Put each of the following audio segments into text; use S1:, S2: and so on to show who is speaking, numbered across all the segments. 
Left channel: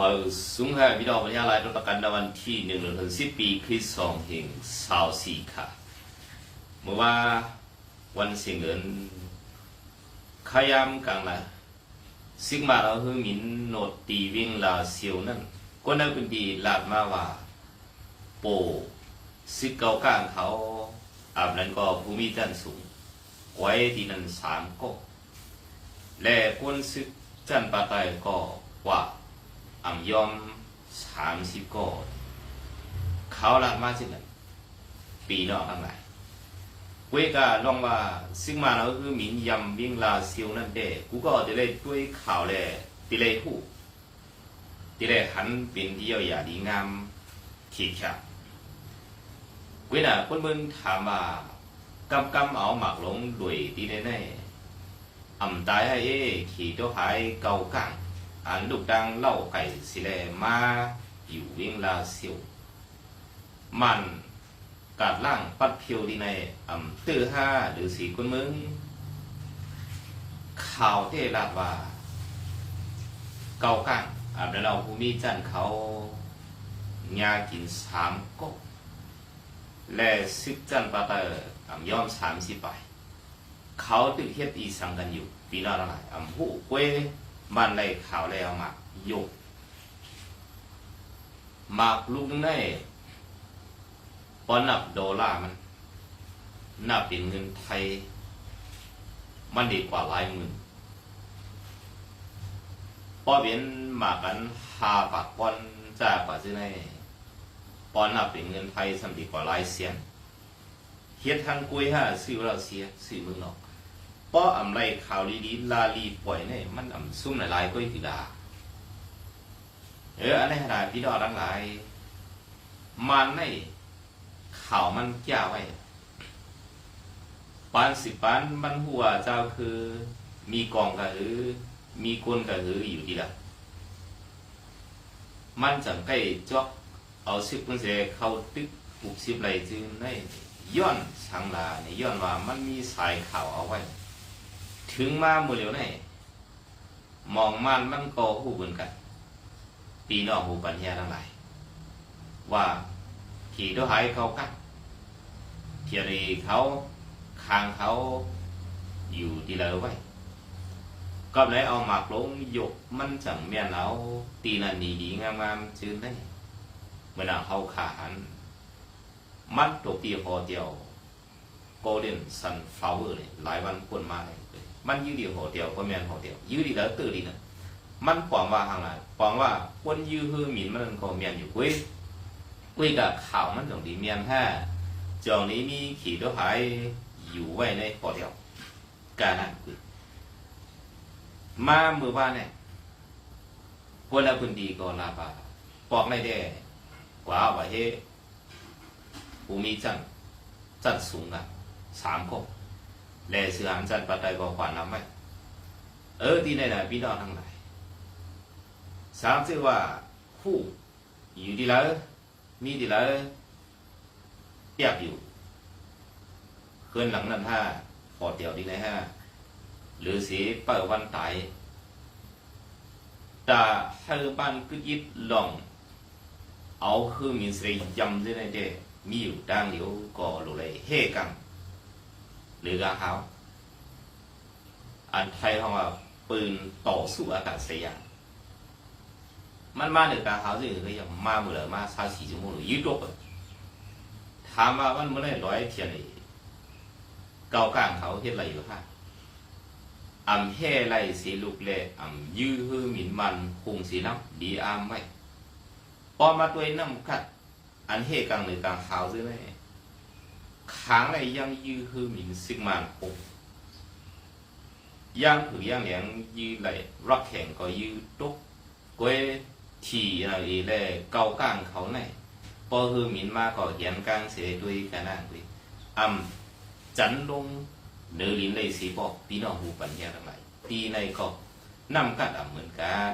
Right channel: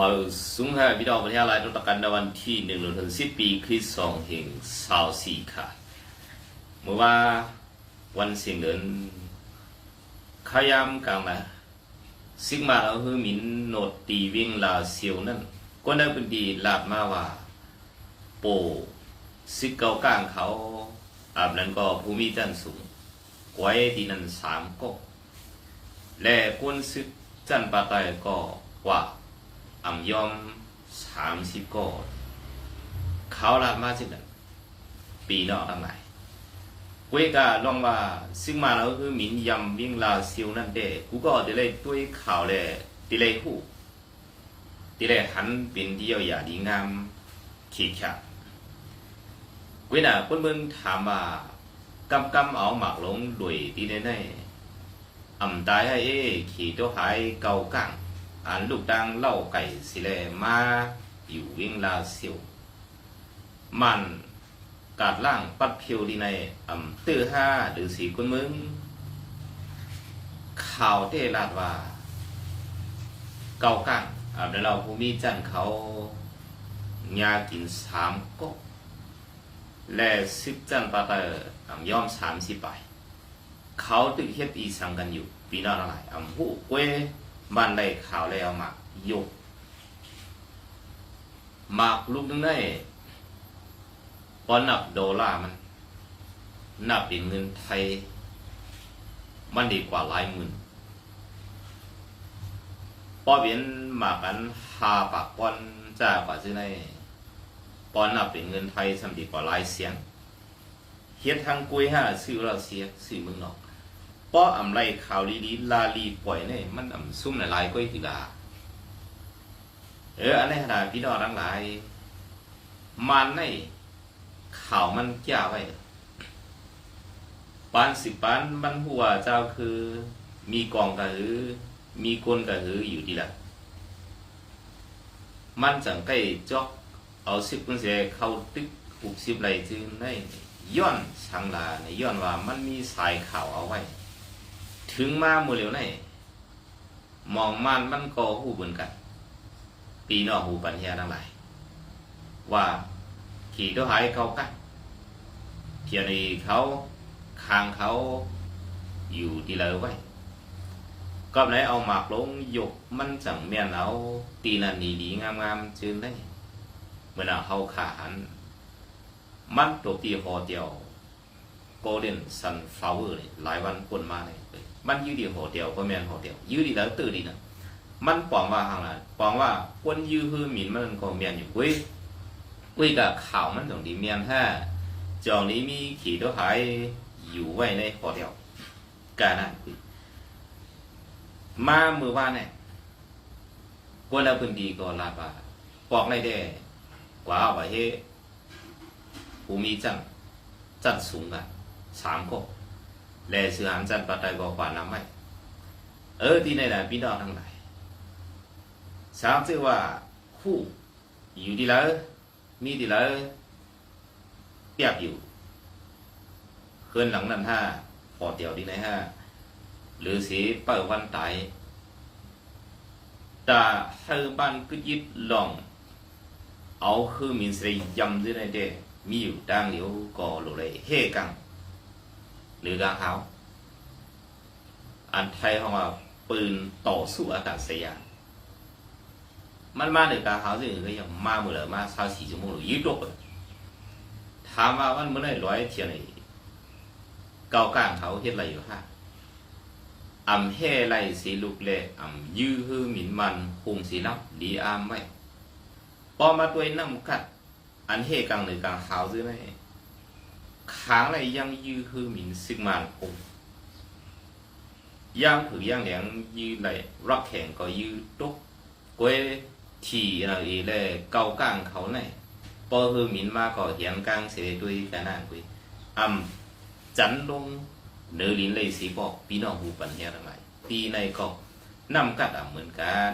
S1: มาสูงให้พี่น้องประชาชนต้องการในวันที่หนึ่งเดือนสิบปีคริสต์สองแห่งสาวสี่ค่ะ เมื่อว่าวันเสียงเดือนขยามกลางละซิกมาเราคือมินโนดตีวิ่งลาเซียวนั่นก็ได้เป็นดีลาดมาว่า โปซิกเกากลางเขา อาบนั้นก็ภูมิจันทร์สูงไว้ที่นั่นสามก๊กและกวนซึกจันปาไตก็ว่า อ่ำยอมสามสิบก็เขาละมาจากนั้นปีนอกทั้งหลายเวกาลองว่าซึ่งมาแล้วคือหมินยำวิ่งลาซิวนั่นเด้กูก็จะเลยด้วยข่าวเลยติเลยหูติเลยหันเป็นเดียวอย่าดีงามขีดขาดเวน่ะเพิ่นเบิ่งถามว่ากำกำเอาหมากหลงด้วยที่แน่ๆอ่ำตายให้เอ้ขี่ตัวหายเก่ากัง อันลูกดังเล่าไก่สิแลมาอยู่วิ่งลาเซียวมันกาดล่างปัดเพียวดีในอ่ำตื้อห้าหรือสีคนมึง ข่าวเตลาดว่า เกากังอ่ำแล้วเราภูมิจันเขายากินสามก๊กและซึกจันปาเตอร์อ่ำย่อมสามสิบไป เขาตึกเฮ็ดอีสังกันอยู่ปีน้าอะไรอ่ำหูเว้ บ้านได้ข่าวแล้วหมากยกหมากลูกนึงได้พอนับดอลลาร์มันนับเป็นเงินไทย มันดีกว่าหลายหมื่นพอเวียนหมากันหาปากปอนจ้ากว่าซื้อในปอนนับเป็นเงินไทยสำดีกว่าหลายเสียนเฮียนทางกุยห้าซื้อเราเสียซื้อมืองนอก ป้ออำไรข่าวดีๆลาลีปล่อยเนี่ยมันอำซุ่มหลายๆก็อีกดาเอออะไรขนาดพี่น้อทั้งหลาย มันในข่าวมันแก้ไว้ปานสิปานมันหัวเจ้าคือ มีกองกระหือ มีกลกระหืออยู่ดีละมันจังใกล้จอก เอาสิบคนเสียเข้าตึกหกสิบไรจึงได้ย้อนช่างลาในย้อนว่ามันมีสายข่าวเอาไว้ ถึงมาหมู่อเหลียวไหนมองมันมันก็หูเหมือนกันปีนอกหูปัญญาทั้งหลาย ว่าขี่ตัวหายเขากันเทียรีเขาคางเขาอยู่ที่เลยไว้ก็ไหนเอาหมากลงหยกมันจังเมียนเอาตีนันดีดีงามงามๆจืนได้เมื่อเขาขาหันมันตัวตีหอเดียวโกลเด้นซันฟลาวเวอร์เลยหลายวันคนมาเลย มันยืดดีหัวเดียวก็แมนหัวเดียวยืดดีแล้วตื่นดีนะมันปองว่าหางละปองว่าคนยืดฮือหมินมันก็แมนอยู่เว้ยเว้ยกับข่าวมันตรงดีแมนห้จองนี้มีขี่ตัวหายอยู่ไว้ในหัวเดียวกานั่นคุยมามือว่าเนี่ยคนละพื้นดีก็ลาบาปอกในแด่กว่าว่าเฮภูมิจันทร์จันทร์สูงกันสามก๊ก แลเสือหันจันปัตไตก็ขวานน้ำไม่เออที่ไหนนะพี่น้องทั้งหลายสามชื่อว่าคู่อยู่ดีแล้วมีดีแล้วเตียบอยู่เคลื่อนหลังนั้นห้าพอเดียวดีในห้าหรือสีเปิดวันไตแต่เธอบ้านก็ยึดลองเอาคือมินสรียำด้วยในเดมีอยู่ดังเหลียวก่อหลุเลยเฮกัง หรือกาเขาอันไทยเขาว่าปืนต่อสู้อากาศยานมันมาหนึ่งกาเขาสิก็ยังมาเมื่อไรมาสาสี่ชั่วโมงหรือยืดดกเลยถามว่ามันเมื่อไรร้อยเทียนไอ้เกากลางเขาเฮ็ดอะไรอยู่ฮะอำแห่ไรสีลูกเล่อำยื้อฮือหมินมันคงสีน้ำดีอามไม่พอมาตัวน้ำกัดอันเฮกังหรือกลางเขาซื้อไงค้างเลยยังยื้อคือหม ข้างในซิมานคงย่างถือย่างเหลียงยื้อเลยรักแข่งก็ยื้อตุกกวยทีอะไรเลยเกากลางเขาไหนพอคือมินมาก็เหียนกลางเสียด้วยกันนั่งคุยอำจันลงเนื้อลินเลยสีบอกพี่น้องหูปัญญาทั้งหลายตีในก็นำกัดอ่ำเหมือนกัน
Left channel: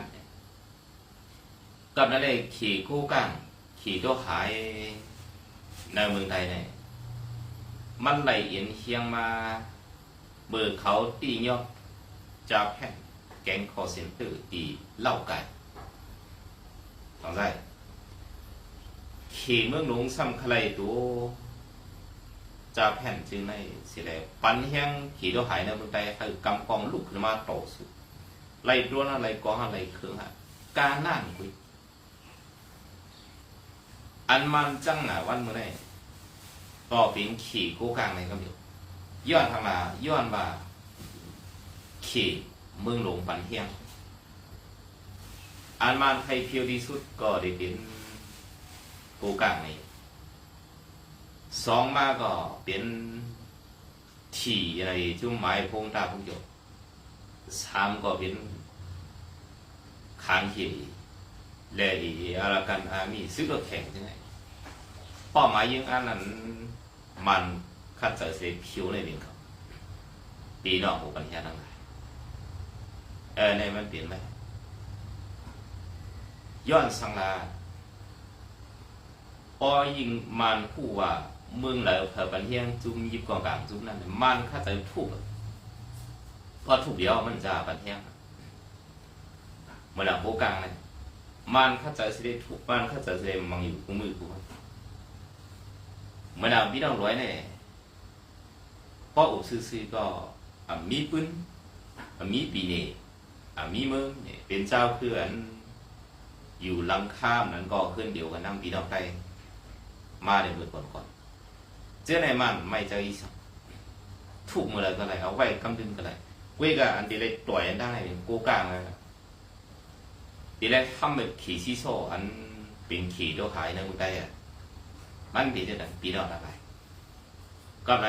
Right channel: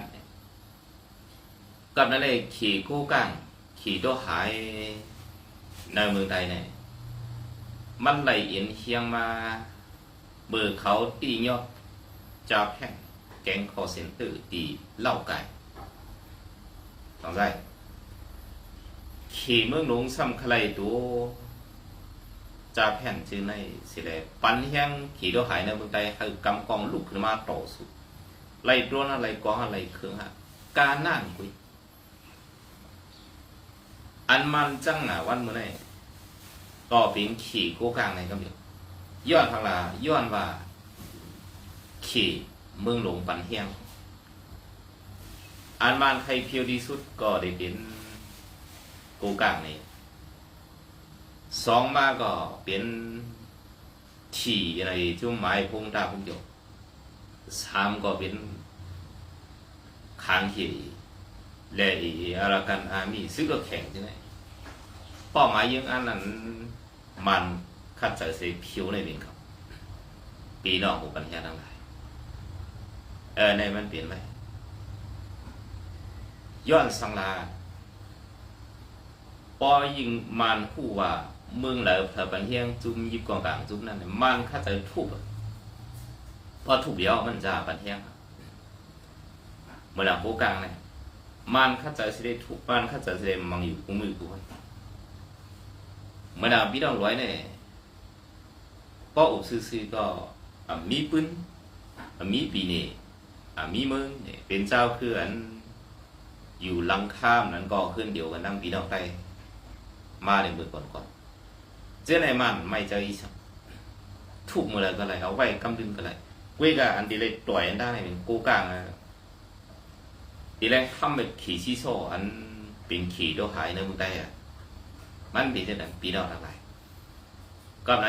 S1: กับนั่นเลยขี่กู้กังขี่ตัวหายในเมืองไทยเนี่ย มันไหลเอียนเคียงมา เบอร์เขาตียอดจาแผ่นแกงคอเซ็นเตอร์ตีเหล่าไก่放在ขี่เมืองหลวงซ้ำใครตัวจ่าแผ่นจือในสิแลปันแห้งขี่ตัวหายในเมืองใดให้กำกองลุกขึ้นมาต่อสู้ไล่ตรวนอะไรกองอะไรเครื่องฮะการนั่งกุยอันมันจังหนาวันเมื่อไหร่ ต่อปิงขี่กู้กลางในกำเดียวย้อนทางลาย้อนว่า ขี่เมืองหลวงปันแห้งอันมันใครเพียวที่สุดก็ได้เป็นกูกลางนี่สองมาก็เป็นที่อะไรจุ่มไม้พงตาพงหยกสามก็เป็นคางขี่และอีอารากันอามีซื้อก็แข่งที่ไหนเป้าหมายยังอันนั้น มันคัดใจเสียผิวในบินเขาปีนอกหูปัญญาทั้งหลายเออในมันเปลี่ยนไหมย้อนสังลาปอยิงมันผู้ว่าเมืองเหลอเผอปันเฮียงจุ่มยิบกองกลางจุ่มนั่นมันข้าใจทุบพอทุบเดียวมันจะปันเฮียงอะเมื่อหลังโบกลางเนี่ยมันข้าใจสิได้ทุบมันข้าใจสิได้มังอยู่กูมือกูไว้เมื่อหลังพี่น้องร้อยเนี่ยป้ออุซื้อๆก็มีปืนมีปีเน่อะมีเมืองเนี่ยเป็นเจ้าคืออันอยู่ลังข้ามนั้นก็ขึ้นเดียวกันนั่งพี่น้องได้มาในมือก่อนก่อนเจ้าไหนมันไม่เจออีสังถูกมืออะไรก็เลยเอาไว้กำดึงก็เลยเว้ยก็อันที่เลยต่อยอันได้เป็นกูกลางนะทีแรกทำเป็นขี่ซีโซอันเป็นขี่ตัวหายในมือได้อะ มันเป็นแต่ปีน้องอะไรก็ไหน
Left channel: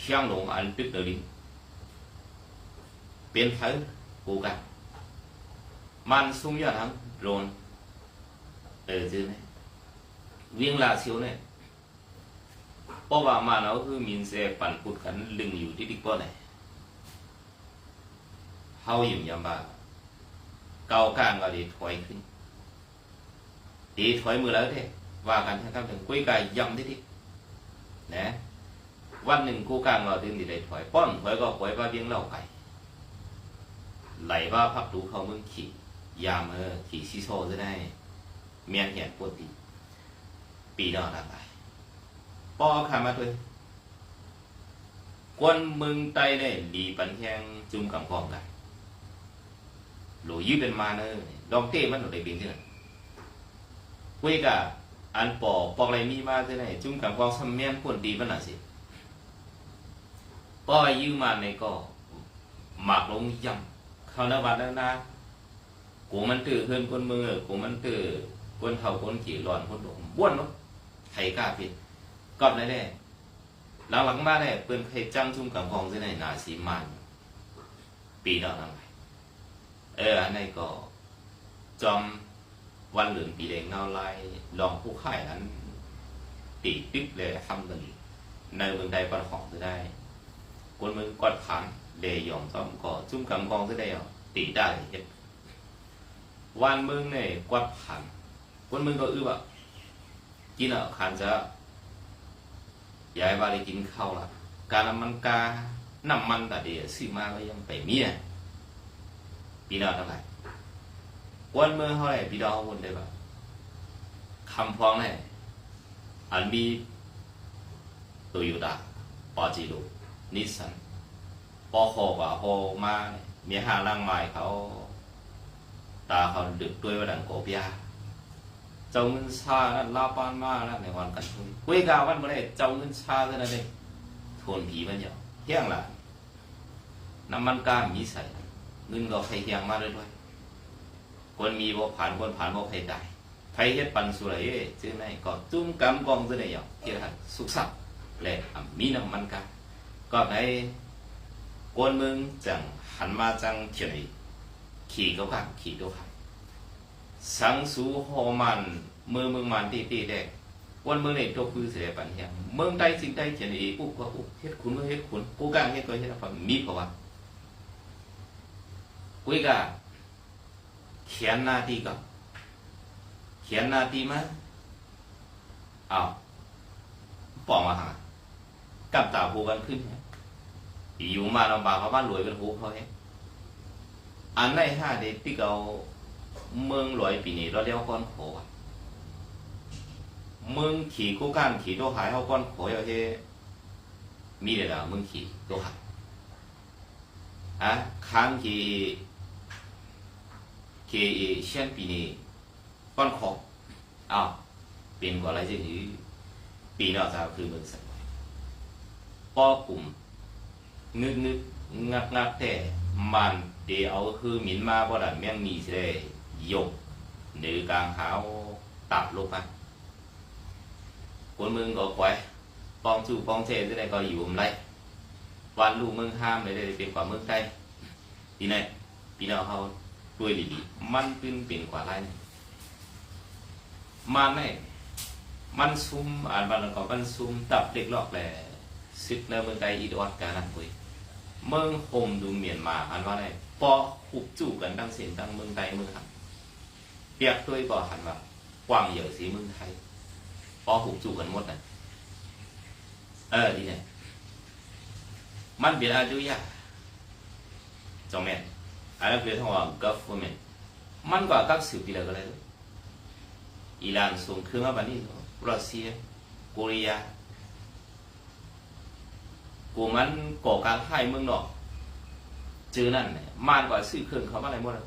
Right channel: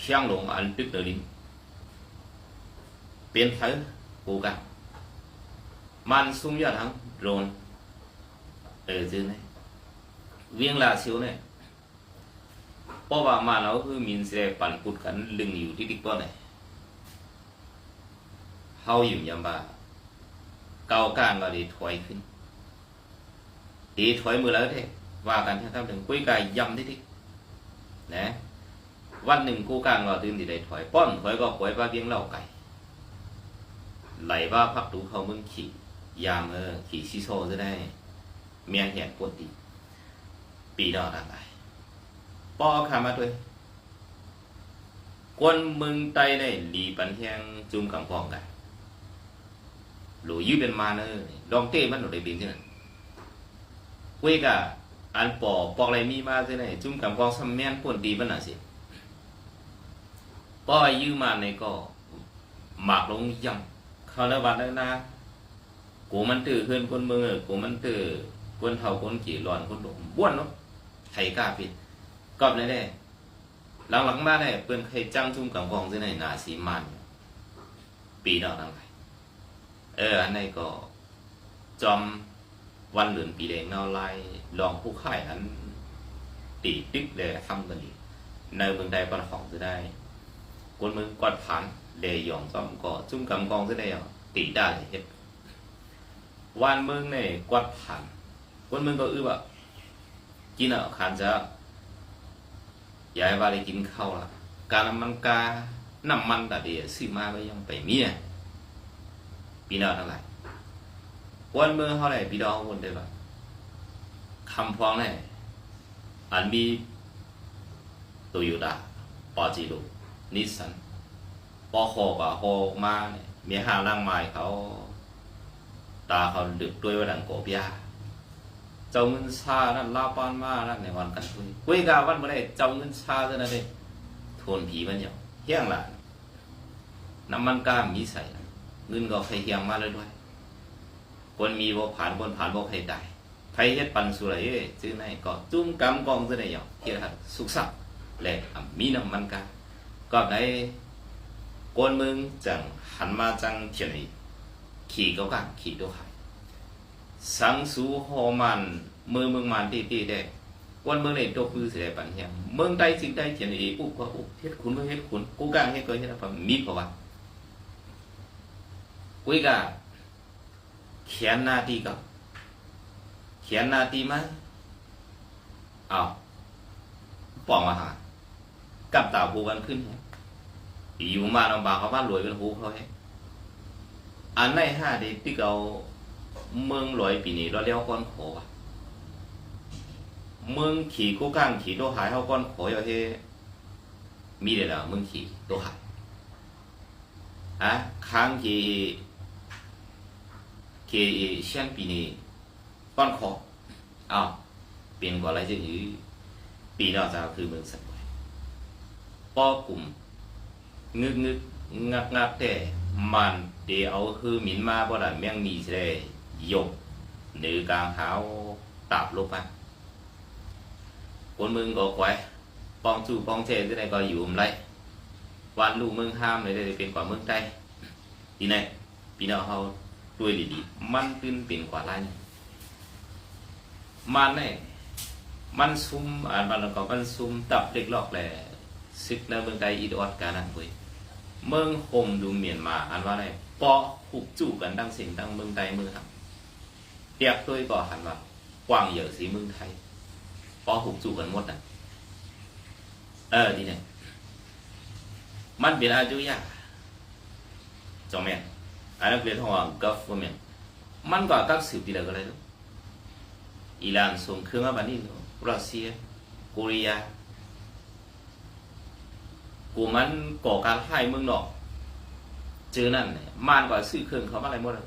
S1: เชียงหลงอันตึกเดลิงเป็นเธอกูกลาง man sung ya thằng rồn ở dưới này viên là xíu này bỏ vào mà nó cứ mình sẽ ปั่น phụt cắn lưng อยู่ที่ đích bò này hao อยู่ยามบ่าเกากลางก็ดีถอยขึ้นดีถอยมือแล้วเท่ ว่ากันนะครับถึงกุ้ยกายยำที่ที่นะวันหนึ่งกูกลางก็ตื่นที่ได้ถอยป้อนถอยก็หวยว่าเบี้ยงเล่าไก่ไหลว่าพักดูเขามึงขี่ยามเออขี่ซีโซจะได้ เมียนแหนปวดตีปีดอดอะไรปอขามาด้วยกวนเมืองไตในหลีปันแทงจุ่มกำกองกันหลูยืดเป็นมาเนอลองเต้มันหนูได้บินใช่ไหมเวกะ อันปอกปอกอะไรมีมาที่ไหนจุ่มกับกองซัมเมียนผลดีบ้านน่ะสิป้อยืมมาในก็หมากลงยำเขาละวัดแล้วนะกูมันตื่นขึ้นคนมือกูมันตื่นคนเท่าคนกี่หลอนคนหลงบ้วนเนาะไข่กล้าผิดกอบได้ได้หลังหลังมาได้เปิ้นไข่จังจุ่มกับกองที่ไหนนาสีมันปีดอกนั่งไข่เอออันนี้ก็จอม วันเหลือนปีแดงเนาไล่ลองผู้ค่ายนั้นตีติ๊กเลยทำกันีในเมืองใดปันของจะได้คนเมืองกอดผ่านเลยยอมจอมก็จุ่มกำกองจะได้ตีได้เห็ดวันเมืองเนี่ยกวาดผ่านวันเมืองก็อื้อว่ากินอะขันจะย้ายว่าได้กินข้าวละการน้ำมันกาน้ำมันแต่เดียวซื้อมาก็ยังไปเมียปีนอเท่าไหร่ วันเมื่อเท่าไหร่ปีดองวนได้ปะคำพ้องเนี่ยอันมีโตโยต้าปอจิโรนิสสันปอโคกับโฮมาเนี่ยมีห้าร่างไม้เขาตาเขาดึกด้วยว่าดังโกบยาเจ้าเงินชานั่นลาปานมาแล้วในวันกันคุยคุยกาวันเมื่อไรเจ้าเงินชาเท่านั้นเองทนผีมันอยู่เฮี้ยงละน้ำมันกามมีใส่เงินก็ใครเฮี้ยงมาเลยด้วย คนมีบ่ผ่านคนผ่านบ่ใครได้ไทยเฮ็ดปันสุไรเอ้ยซื้อไหนก็จุ้มกำกองซื้อไหนอยู่เฮี้ยงสุกสับและมีน้ำมันกาก็ในคนมืองจังหันมาจังเทียนอีขี่ก็กันขี่ตัวหายสังสูโฮมันมือมืองมันตีตีได้วันเมืองในตัวปื้อเสียปัญญาเมืองใดสิ่งใดเขียนเออุก็อุเฮ็ดคุณก็เฮ็ดคุณกูกางเฮ็ดก็เฮ็ดพมีเพราะว่ากุยกา เขียนหน้าที่ก็เขียนหน้าที่มเอาปองมาหากับตาผูกันขึ้นเนี่ยอยู่มาลำบากเขาบ้านรวยเป็นหูเขาเฮ้อันในห้าเด็กที่เขาเมืองลอยปีนี้เราเลี้ยวก้อนโขวะเมืองขี่กูก้างขี่โตหายเฮาก้อนโขยเอาเฮมีเด้ล่ะเมืองขี่โตหายอะค้างขี่ ขี่เชียนปีนี้ก้อนโขอ้าวเปลี่ยนกว่าอะไรจะอยู่ปีนอกจากคือเมืองสัตว์ไว้ป้อกลุ่มงึกงึกงักงักแต่มันเดี๋ยวเอาคือหมินมาบ่ดันแม่งมีสิได้ยกหนือกลางหาตับลงมาคนมึงก็ควายปองจู่ปองเทที่ไหนก็อยู่มไรวันลูกมึงห้ามเลยได้เป็นกว่ามืองไทยทีไหนพี่น้องเขา ด้วยดีๆมันเป็นเป็นกว่าไรเนี่ยมันเนี่ยมันซุ่มอ่านมันก็มันซุ่มตับเล็กลอกแหละซึกในเมืองไทยอีดอดการนั่นเว้ยเมืองโฮมดูเมียนมาหันว่าไงปอหุบจู่กันดังเสียงดังเมืองไทยเมืองหันเทียบด้วยก็หันว่ากว้างเยอะสีเมืองไทยปอหุบจู่กันหมดน่ะเออดีเนี่ยมันเป็นอายุยากจอมแม่ อันนั้นเป็นทางว่า government มันก็กักสืบทีละก็เลยอิหร่านส่งเครื่องมาบันนี้รัสเซียเกาหลีกูมันก่อการให้เมืองนอกเจอนั่นเนี่ยมานกว่าซื้อเครื่องเขามาอะไรหมดแล้ว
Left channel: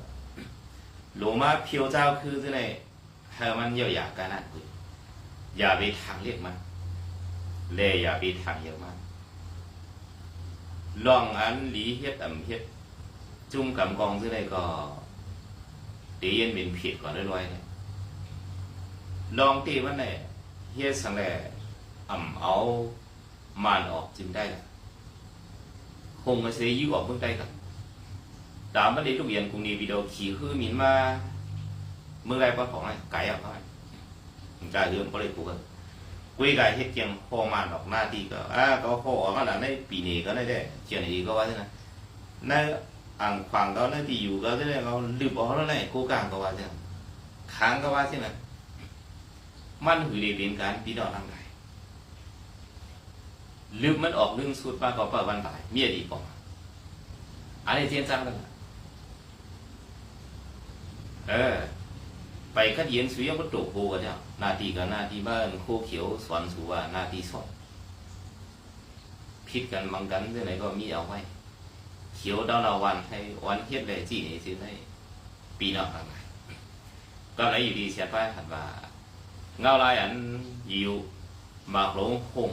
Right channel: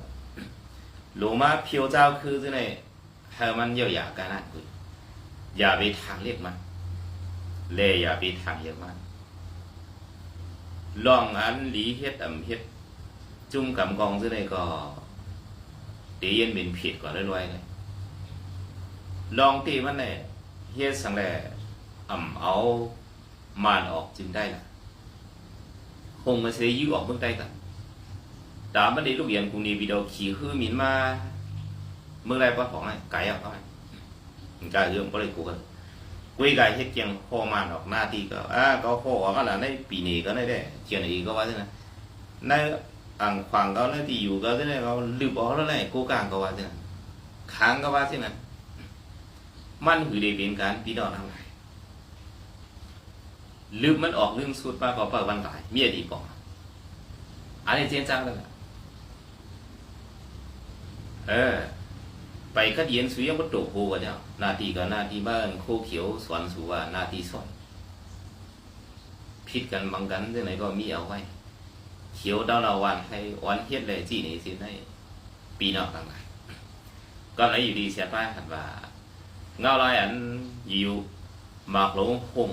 S1: หลวงมาเพียวเจ้าคือที่ไหนให้มันเยียวยากันนั่นคุยอย่าไปทางเรียกมันเลยอย่าไปทางเรียกมันลองอันหลีเฮ็ดอ่ำเฮ็ด จุ่มกำกองซื้อได้ก็ตีเย็นเป็นผิดก่อนรวยๆเลยลองตีมันเลยเฮียสังแหลอ่ำเอามานออกจึงได้ละคงมาเสียยิ่ออกเบื้องใต้กันตามบันไดลูกเรียนกรุงนีวิดีโอขี่คือมินมาเมื่อไรป้ของไรไก่เอาไปมันกลายเรื่องก็เลยกูกันกุยกายเฮ็ดเกียงพ่อมานออกหน้าที่ก็อ่าก็พ่อออกมาแล้วในปีนี้ก็ได้ได้เกียงอีกก็ว่าใช่ไหมใน ăn khoảng đó này thì dù cái cái này nó lưu bỏ nó này cố gắng có bao nhiêu kháng có bao nhiêu này man hủy để biến cán bí đỏ năng này ลืมมันออกเรื่องสุดมาก็เปิดวันบ่ายเมียดีกว่าอันนี้เจนจ้าแล้วล่ะเออ ไปคัดเย็นสุยังวัตถุโหกันเจ้านาทีกับนาทีบ้านโคเขียวสวนสุว่านาทีสอยพิดกันบางกันที่องไหนก็มีเอาไว้ เขียวดาวนาวันให้วันเทียดเลยจีนี่สิได้ปีนอกทางไหนก็ไหนอยู่ดีเสียไปหันว่าเงาลายอันอยู่หมากหลงหง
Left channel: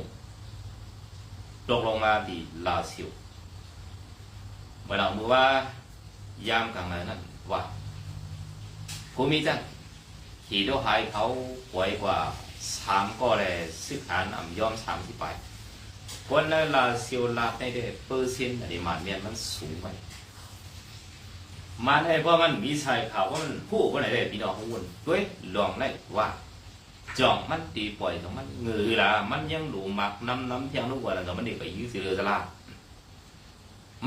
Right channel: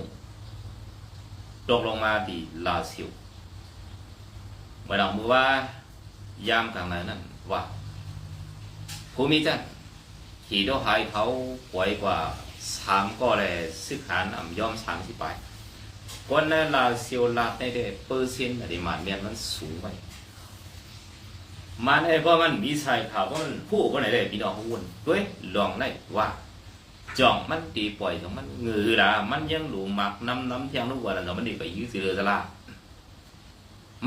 S1: ตกลงมาที่ลาซิลเมื่อเรามือว่ายามกลางนั้นนั่นว่าภูมิจันขี่ตัวหายเขาหวยกว่าสามก็เลยซึกหานอ่ำย่อมสามที่ไป คนนั้นลาเซิลลาได้ได้เปอร์เซ็นต์อะไรมันเมียนมันสูงไปมันไอ้เพราะมันมีชายข่าวว่ามันผู้คนไหนได้พี่น้องหุ่นด้วยลองได้ว่าจองมันตีปล่อยของมันเงือละมันยังหลูหมักน้ำน้ำเที่ยงลูกว่าแล้วมันดีไปยื้อเสือสละ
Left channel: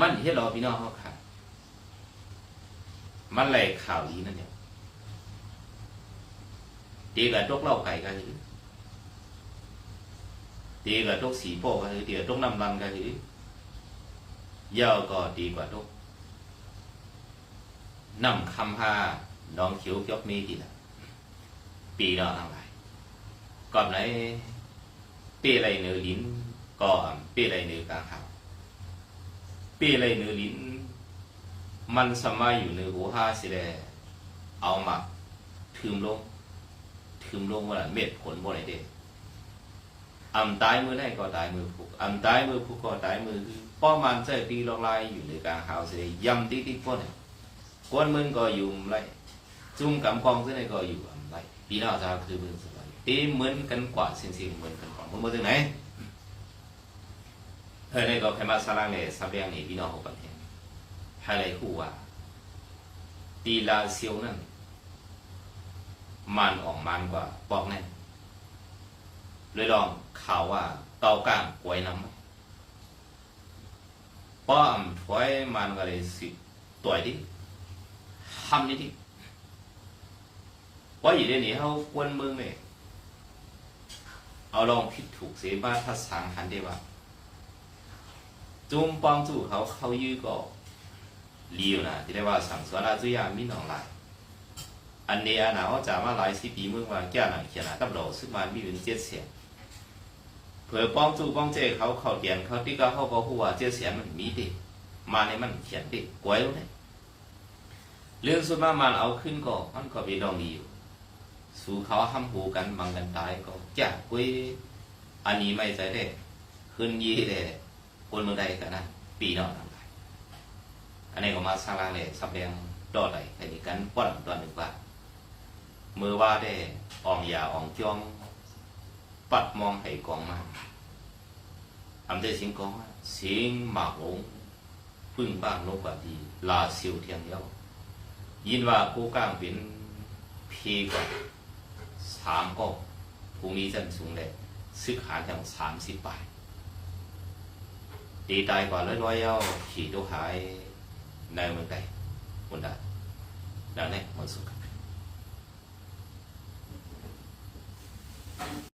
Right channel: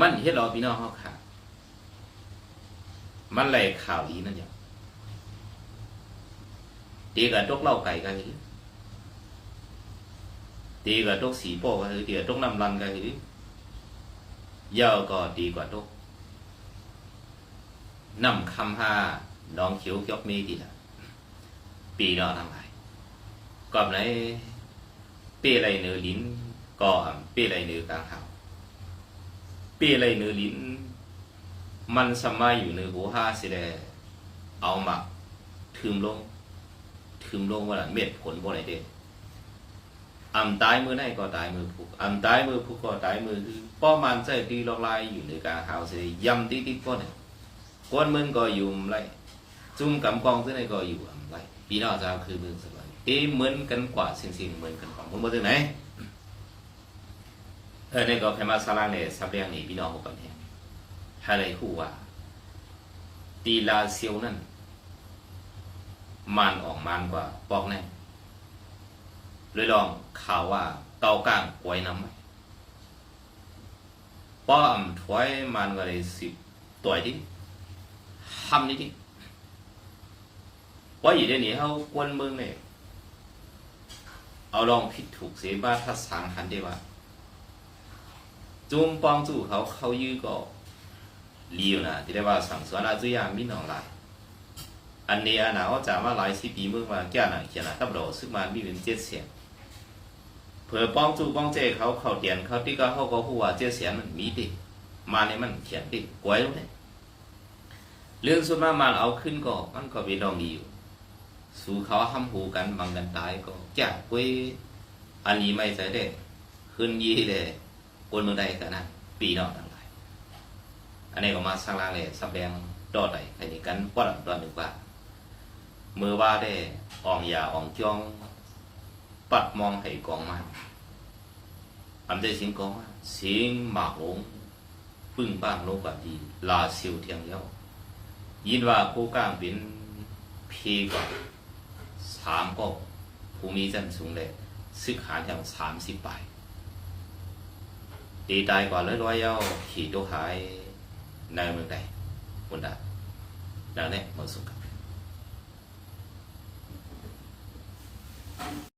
S1: มันเฮ็ดรอพี่น้องเขาค่ะ มันไหลข่าวดีนั่นอย่างตีกับตกเล่าไก่กันหรือ ตีกับตกสีโป้กันหรือตีกับตกน้ำรันกันหรือยาวก็ดีกว่าตกน้ำคำห้าน้องเขียวยกมีดีละปีนอทั้งหลาย còn lấy bê lầy nửa lín có bê lầy nửa càng hảo bê lầy nửa lín มันสมัยอยู่ในหัวห้าสิแลเอามาถึมลงถึมลงว่าเม็ดผลบ่ไหนเด้ อำตายมือไหนก็ตายมือผูกอำตายมือผูกก็ตายมือคือป้อมันใจตีลอกลายอยู่ในกลางหาวสิยำตีติดก้นเนี่ยก้นมึงก็อยู่ไรจุ่มกำกองที่ไหนก็อยู่อำไรปีนอกจากคือมึงสบายตีเหมือนกันกว่าสิ่งสิ่งเหมือนกันกว่ามึงมาถึงไหนเออในก็แค่มาสลางเลยสับเรียงนี่พี่น้องหกประเทศให้เลยคู่ว่าตีลาเซียวนั่นมันออกมันกว่าปอกแน่ เลยลองข่าวว่าเกาก้างกวยน้ำไหมป้อมถวยมันก็เลยสิตัวดิทำนี่ดิว่าอยู่เดี๋ยวนี้เขากวนเมืองเนี่ยเอาลองผิดถูกเสียบ้าถ้าสังหันได้ว่าจุ่มปองจู่เขาเขายื้อก็เลี้ยวนะที่ได้ว่าสั่งสวนอาจุยามิหนองลายอันนี้อันหนาจะมาหลายสิบปีเมื่อวานแก่หน่ะเขียนหน่ะตับโหลซึ่งมามีเป็นเจ็ดเสียง เผื่อป้องจูป้องเจเขาเขาเตียนเขาที่ก็เขาก็หัวเจ็ดเสียงมันมีดิมาในมันเขียนดิกวยเลยเรื่องสุดมากมันเอาขึ้นก็มันก็เป็นดองดีอยู่ สู่เขาห้ำหูกันบังกันตายก็จ้ากวยอันนี้ไม่ใช่ได้ขึ้นยี่เลยคนเมืองใดกันนั้นปีนอกทั้งหลายอันนี้ก็มาสร้างร่างเลยสับแดงดอดใดใครนี่กันปอดตอนหนึ่งว่าเมื่อว่าได้อ่องยาอ่องจ้อง ปัดมองให้กองมันอันได้สิงกองมาสิงหมากลงปึ้งบ้างลงกว่าดีลาซิวเทียงเย้ายินว่ากูก้างเป็นพีกว่าสามก็ภูมิจันสูงเลยซึกหาอย่างสามสิบปลายดีตายกว่าร้อยร้อยเย้าขี่ตัวหายในเมืองใดคนใดดังนี้มันสุข